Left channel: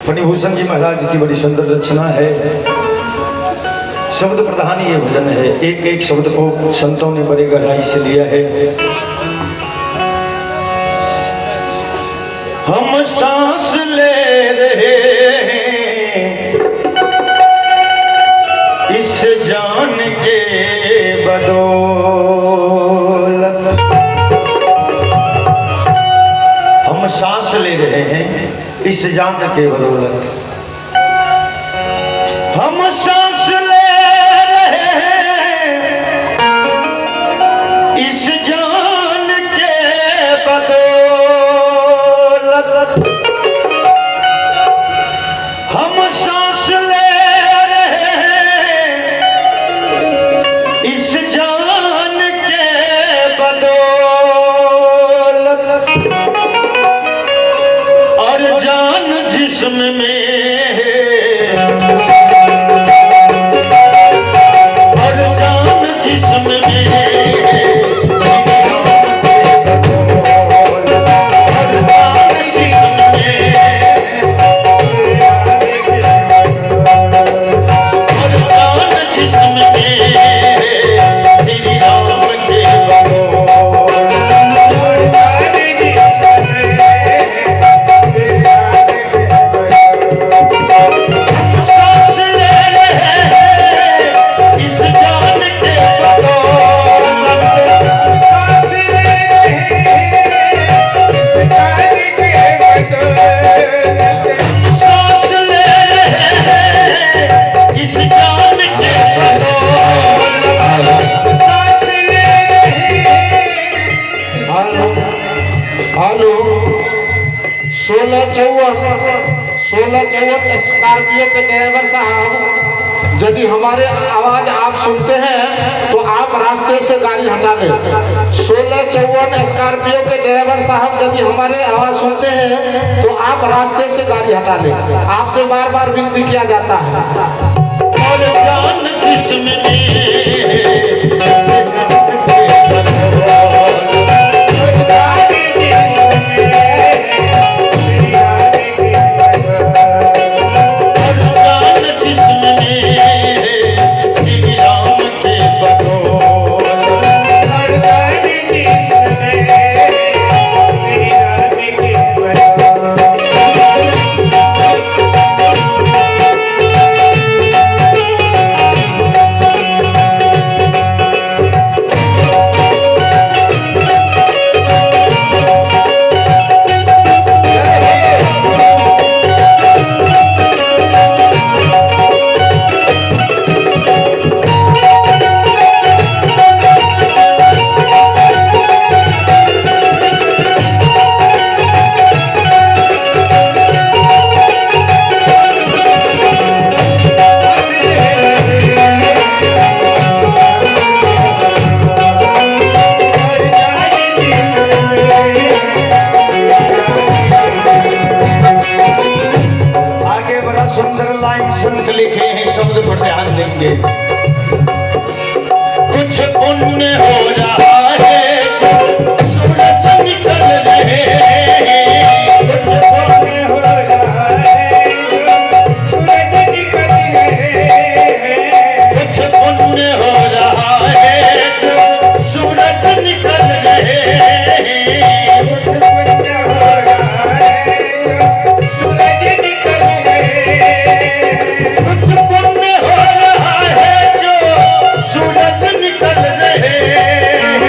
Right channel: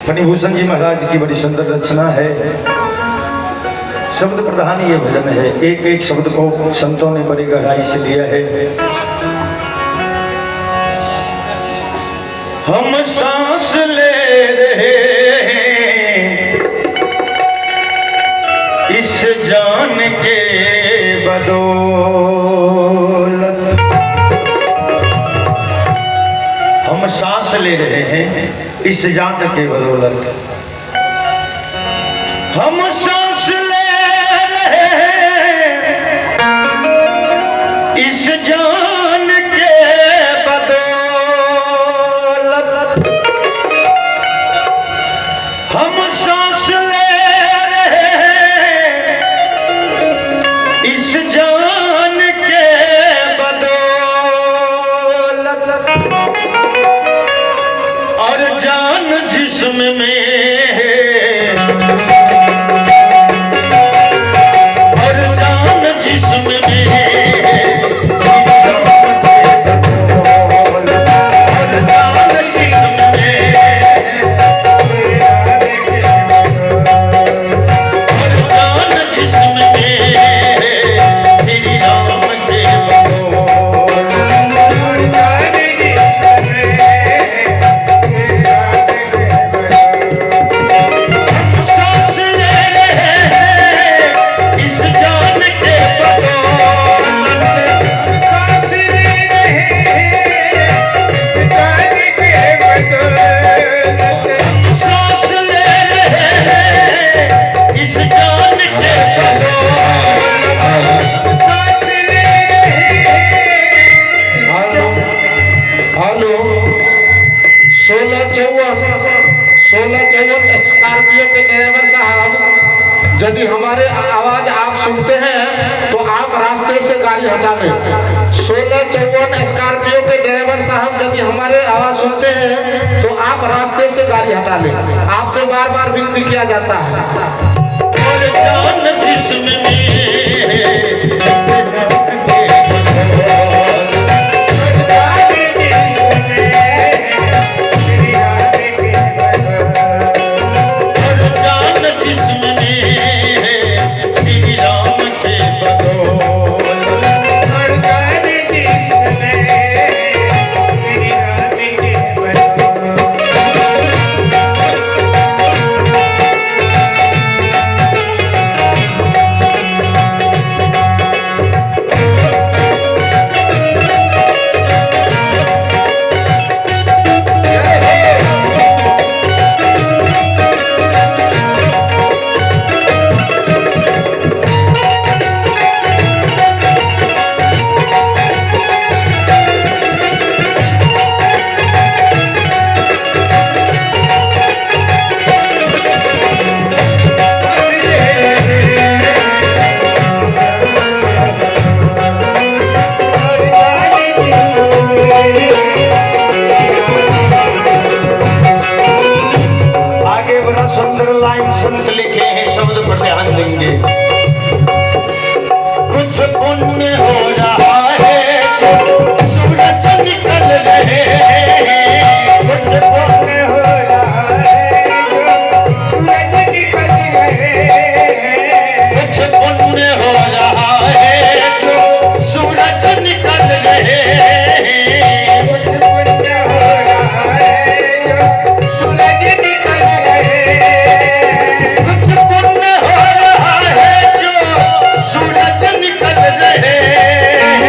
फणिभूषण जी महाराज की बड़ी सुंदर रचना है। शब्द प्रधान ये भजन है। एक एक शब्द को संतों ने बड़ी गहराई से लिया है। हम सांस ले रहे हैं इस जान के बदौलत। हम सांस ले रहे हैं इस जान के बदौलत। हम सांस ले रहे हैं इस जान के बदौलत। हम सांस ले रहे हैं इस जान के बदौलत। और जान जिस्म में है, और जान जिस्म में है, और जान जिस्म में है, और जान जिस्म में है, श्री राम के स्कॉर्पियो के ड्राइवर साहब, यदि हमारे आवाज आप सुनते हैं तो आप रास्ते से गाड़ी हटा लें। 1654 स्कॉर्पियो के ड्राइवर साहब, यदि हमारे आवाज सुनते हैं तो आप रास्ते से गाड़ी हटा लें। आपसे बार बार विनती किया जाता है। और जान जिस्म में है, कुछ पुण्य हो रहा है, सूरज निकल रहे हैं। कुछ पुण्य हो रहा है, सूरज निकल रहे हैं। कुछ पुण्य हो रहा है, सूरज निकल रहे हैं। कुछ पुण्य हो रहा है, सूरज निकल रहे हैं। कुछ पुण्य हो रहा है, सूरज निकल रहे हैं।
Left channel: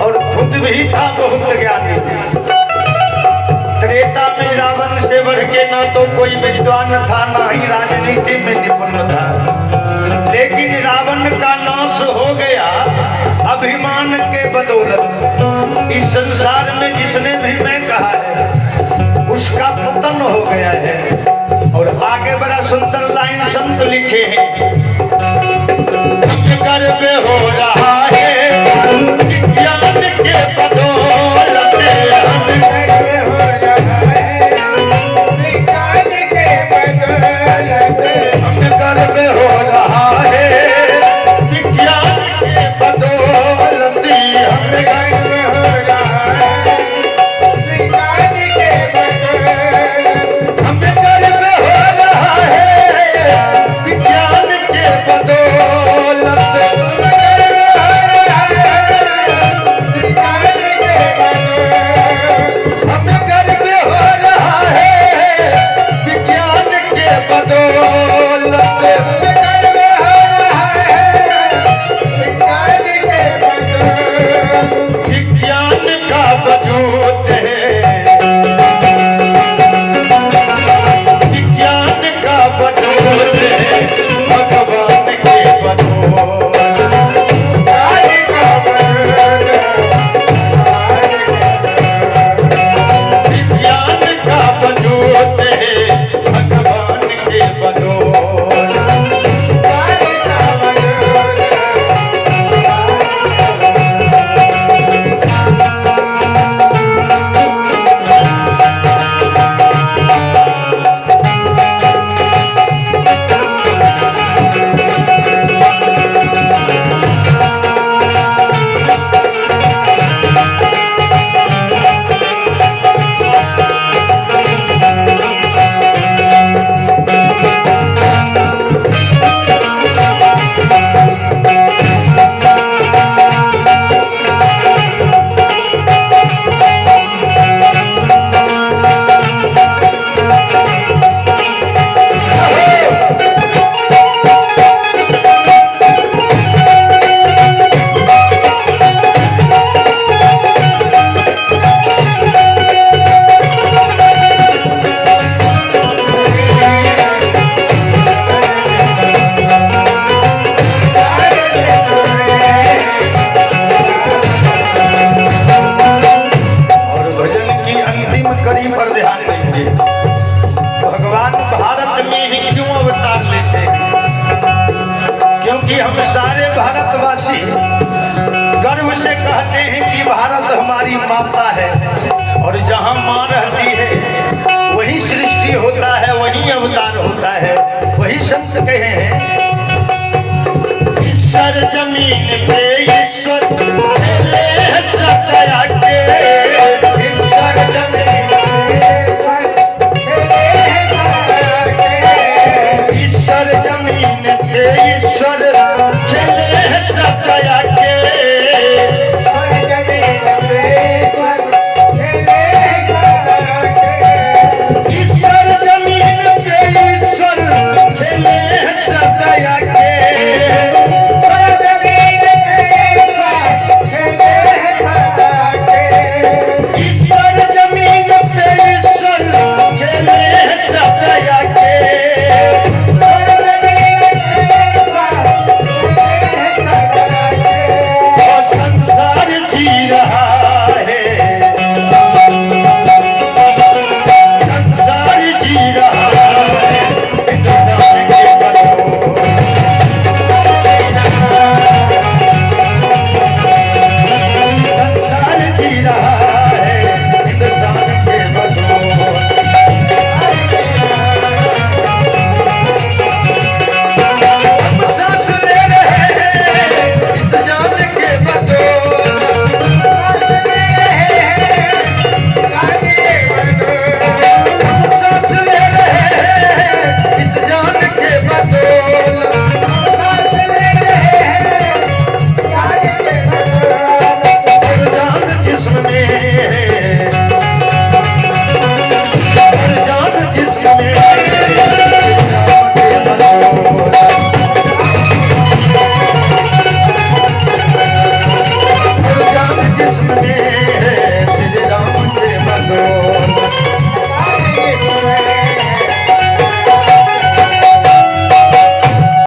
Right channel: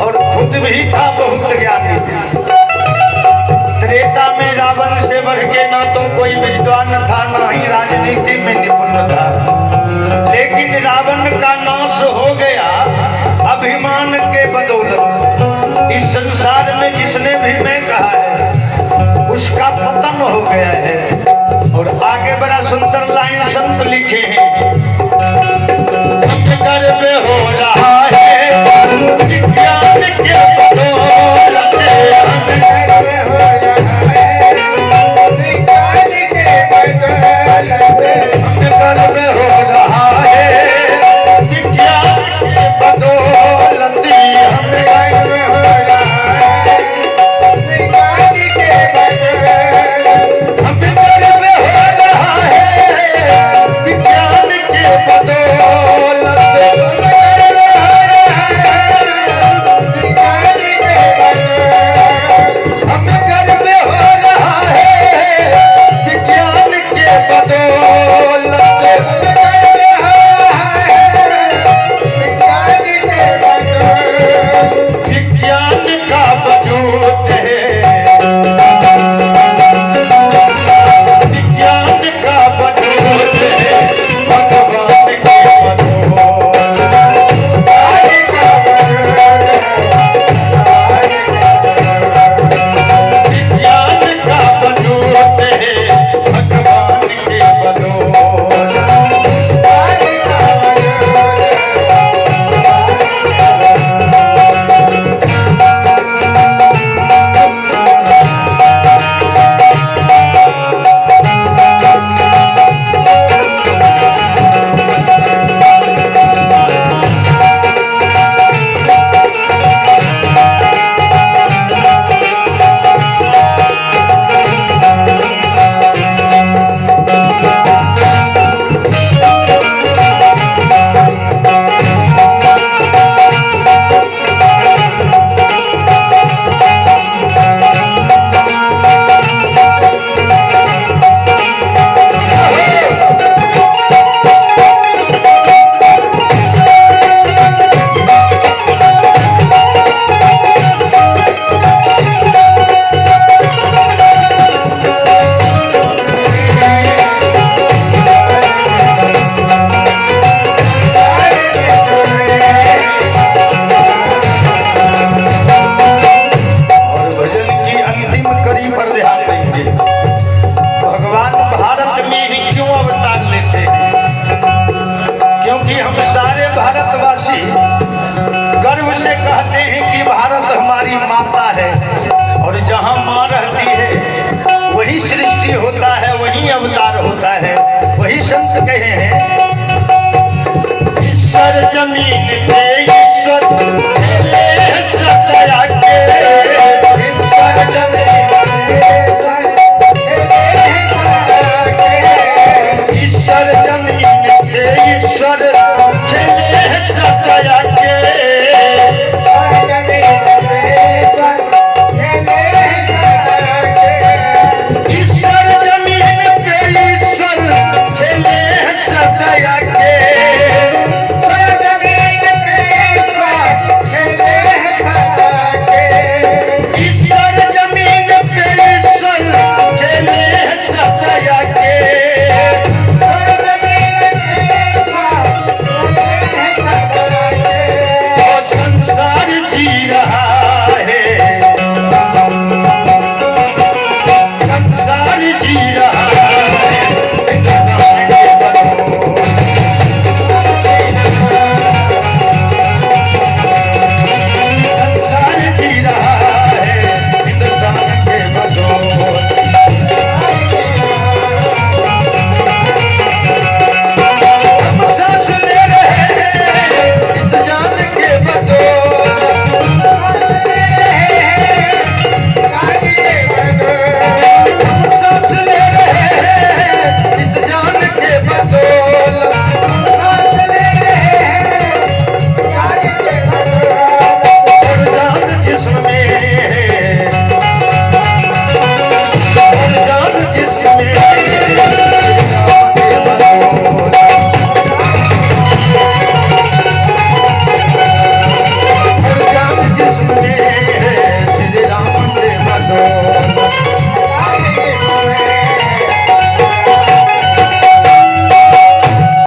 और खुद भी था बहुत ज्ञानी। त्रेता में रावण से बढ़ के ना तो कोई विद्वान था, ना ही राजनीति में निपुण था। लेकिन रावण का नाश हो गया अभिमान के बदौलत। इस संसार में जिसने भी मैं कहा है उसका पतन हो गया है। और आगे बड़ा सुंदर लाइन संत लिखे हैं, गर्व हो रहा है विज्ञान के बदौलत, गर्व हो रहा है विज्ञान के बदौलत, हमें गर्व हो रहा है विज्ञान के बदौलत। हमें गर्व हो रहा है विज्ञान के बदौलत, हमें गर्व हो रहा है विज्ञान के बदौलत। विज्ञान का वजूद है, विज्ञान का वजूद है भगवान के बदौलत। विज्ञान का वजूद है भगवान के बदौलत। भारतवासी गर्व से कहते हैं कि भारत हमारी माता है, और जहाँ माँ रहती है वही सृष्टि होता है, वही अवतार होता है। वही संत कहे हैं, ईश्वर जमीन पे ईश्वर